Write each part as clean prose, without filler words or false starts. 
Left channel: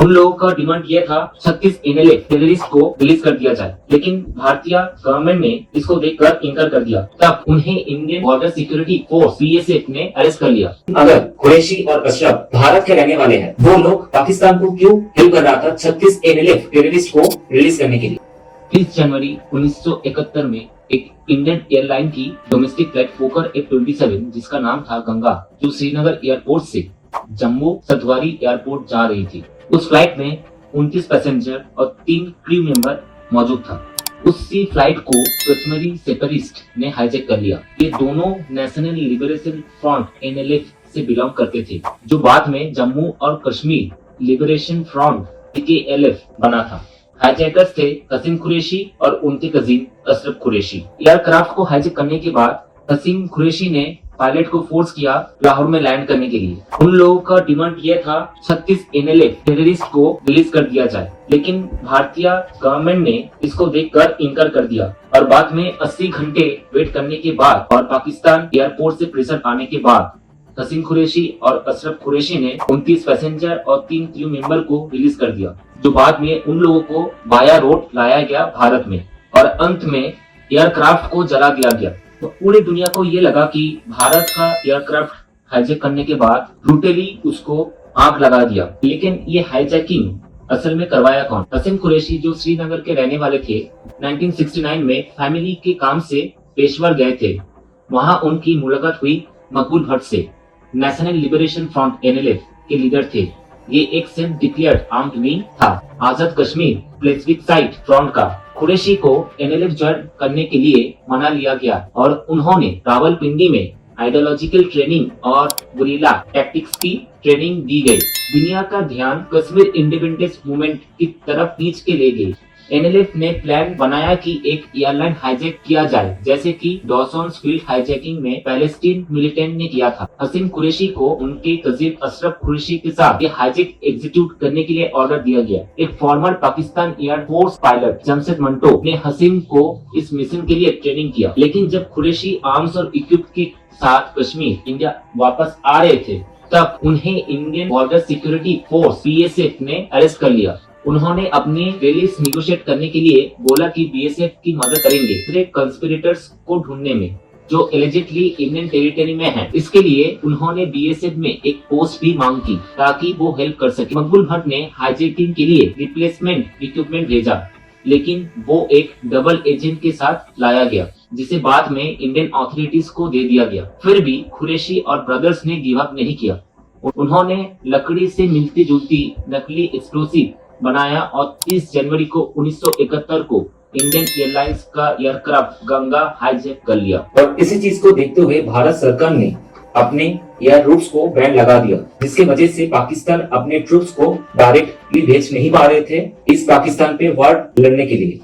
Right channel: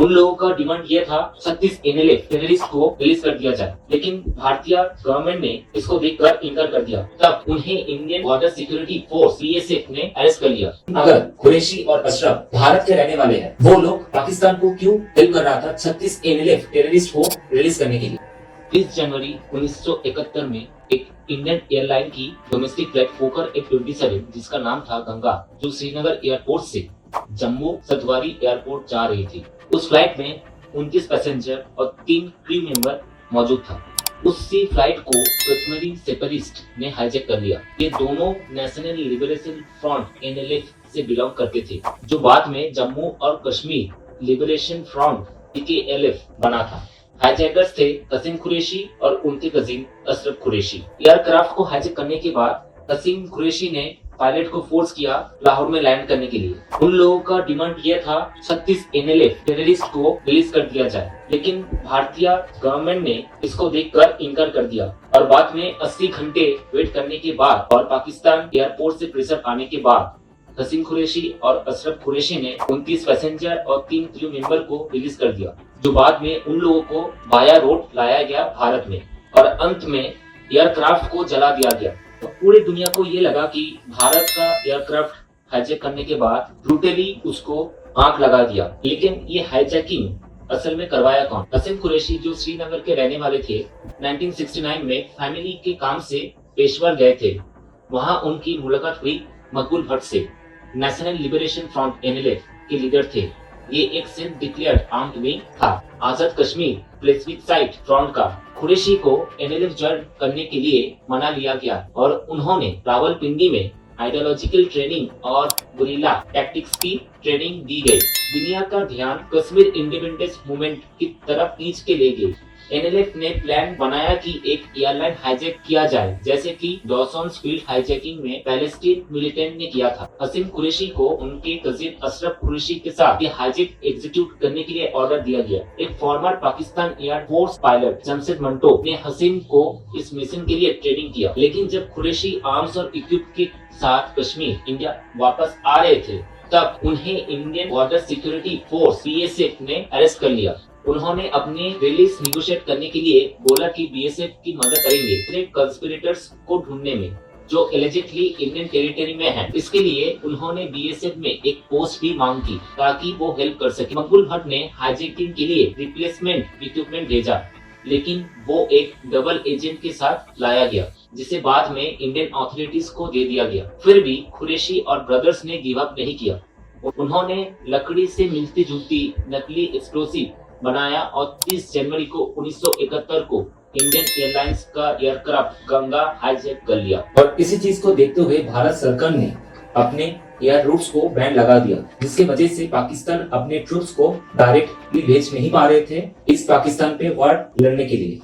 उन लोगों का डिमांड ये था 36 एनएलए टेररिस्ट को रिलीज कर दिया जाए, लेकिन भारतीय गवर्नमेंट ने इसको देखकर इनकार कर दिया। तब उन्हें Indian border security force BSF ने अरेस्ट कर लिया। अगर कुरैशी और अशरफ भारत के रहने वाले हैं, वो लोग पाकिस्तान को क्यों हेल्प कर रहा था 36 एनएलए टेररिस्ट को रिलीज करने के लिए? 30 जनवरी 1971 में एक इंडियन एयरलाइन की डोमेस्टिक फ्लाइट फोकर F-27 जिसका नाम था गंगा, जो श्रीनगर एयरपोर्ट से जम्मू सतवारी एयरपोर्ट जा रही थी। उस फ्लाइट में 29 पैसेंजर और 3 क्रू मेंबर मौजूद था। उसी फ्लाइट को कश्मीरी सेपरेटिस्ट ने हाईजैक कर लिया। ये दोनों नेशनल लिबरेशन फ्रंट NLF से बिलोंग करते थे, जो बाद में जम्मू और कश्मीर लिबरेशन फ्रंट TKLF बना था। हाईजैकर्स थे कसीम कुरैशी और उनके कजिन अशरफ कुरैशी। एयरक्राफ्ट को हाईजैक करने के बाद कसीम कुरैशी ने पायलट को फोर्स किया लाहौर में लैंड करने के लिए। उन लोगों का डिमांड ये था 36 एनएलए टेररिस्ट को रिलीज कर दिया जाए, लेकिन भारतीय गवर्नमेंट ने इसको देखकर इनकार कर दिया और बाद में 80 घंटे वेट करने के बाद और पाकिस्तान एयरपोर्ट से प्रेशर आने के बाद कसीम कुरैशी और अशरफ कुरैशी ने 29 पैसेंजर और 3 क्रू मेंबर को रिलीज कर दिया, जो बाद में उन लोगों को बाया रोड लाया गया भारत में और अंत में एयरक्राफ्ट को जला दिया गया। तो पूरी दुनिया को ये लगा कि भारत का एयरक्राफ्ट हाईजैक करने के बाद ब्रूटली उसको आंख लगा दिया। लेकिन ये हाईजैकिंग असल में करवाया कौन? कसीम कुरैशी, जो श्रीनगर के रहने वाले थे, 1969 में फैमिली के काम से पेशवर गए थे। वहाँ उनकी मुलाकात हुई मकबूल भट्ट से। नेशनल लिबरेशन फ्रंट NLF के लीडर थे। ये एक सेल्फ डिक्लेयर्ड आर्म्ड विंग था, आजाद कश्मीर स्पेसिफिक साइट फ्रंट का। कुरैशी को NLF ज्वाइन करने के लिए मना लिया गया और उन्होंने रावलपिंडी में आइडियोलॉजिकल ट्रेनिंग और गुरिल्ला टैक्टिक्स की ट्रेनिंग दी गई। दुनिया का ध्यान कश्मीर इंडिपेंडेंस मूवमेंट की तरफ खींच के ले गई। NLF ने प्लान बनाया कि एक एयरलाइन हाईजैक किया जाए, जैसे कि डॉसन्स फील्ड हाईजैकिंग में पैलेस्टीन मिलिटेंट ने किया था। कसीम कुरैशी को उनके कजिन अशरफ कुरैशी के साथ ये हाईजैक एग्जीक्यूट करने के लिए ऑर्डर दिया गया। एक farmer Pakistan air force pilot Jamshed Manto ने हसीम को इस मिशन के लिए ट्रेनिंग किया। लेकिन जब कुरैशी आर्म्स और इक्विप के साथ कश्मीर इंडिया वापस आ रहे थे, तब उन्हें Indian border security force BSF ने अरेस्ट कर लिया। उन्होंने अपनी रिलीज निगोशिएट करने के लिए बोला कि BSF की मदद करेंगे दूसरे कंस्पिरेटर्स को ढूंढने में, जो एलिजिटली इंडियन टेरिटरी में हैं। इसके लिए उन्होंने BSF में एक पोस्ट भी मांग की ताकि वो हेल्प कर सके। मकबूल भट्ट ने हाईजैकिंग के लिए रिप्लेसमेंट इक्विपमेंट भेजा, लेकिन वो एक डबल एजेंट के साथ लाया गया, जिसे बाद में इंडियन अथॉरिटीज को दे दिया गया। फिर भी कुरैशी और ब्रदर्स ने गिव अप नहीं किया। उन्होंने लकड़ी से मिलती जुलती नकली एक्सप्लोसिव बनाया और 30 जनवरी को 1971 को इंडियन एयरलाइंस का एयरक्राफ्ट गंगा हाईजैक कर लिया। और इसी चीज को देखते हुए भारत सरकार ने अपने एयर रूट्स को बैन लगा दिया, जिसकी वजह से पाकिस्तान अपने ट्रूप्स को डायरेक्टली भेज नहीं पा रहे थे इस पाकिस्तान पे वार लड़ने के लिए।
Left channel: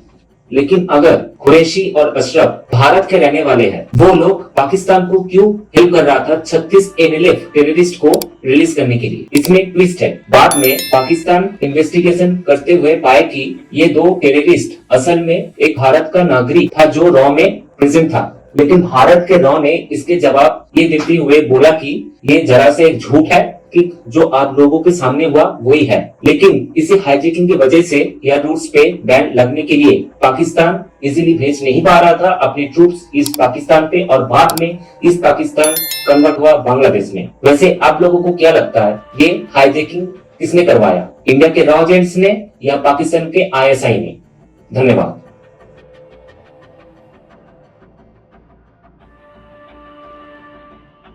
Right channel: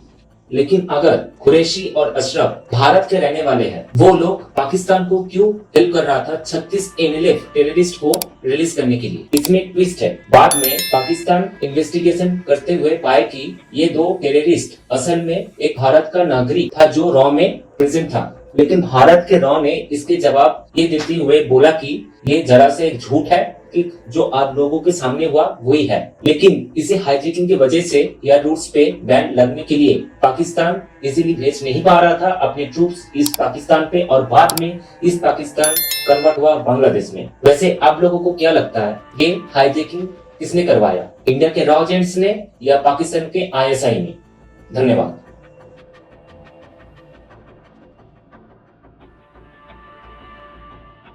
लेकिन अगर कुरैशी और अशरफ भारत के रहने वाले हैं, वो लोग पाकिस्तान को क्यों हेल्प कर रहा था 36 NLF टेररिस्ट को रिलीज करने के लिए? इसमें ट्विस्ट है। बाद में पाकिस्तान इन्वेस्टिगेशन करते हुए पाए कि ये 2 टेररिस्ट असल में एक भारत का नागरिक था जो रॉ में प्रेजेंट था। लेकिन भारत के रॉ ने इसके जवाब ये देते हुए बोला कि ये जरा से एक झूठ है कि जो आप लोगों के सामने हुआ वही है। लेकिन इसी हाईजैकिंग की वजह से एयर रूट्स पे बैन लगने के लिए पाकिस्तान इजीली भेज नहीं पा रहा था अपने ट्रूप्स इस पाकिस्तान पे, और बाद में इस पाकिस्तान कन्वर्ट हुआ बांग्लादेश में। वैसे आप लोगों को क्या लगता है, ये हाईजैकिंग किसने करवाया? इंडिया के रॉ एजेंट्स ने या पाकिस्तान के ISI ने? धन्यवाद।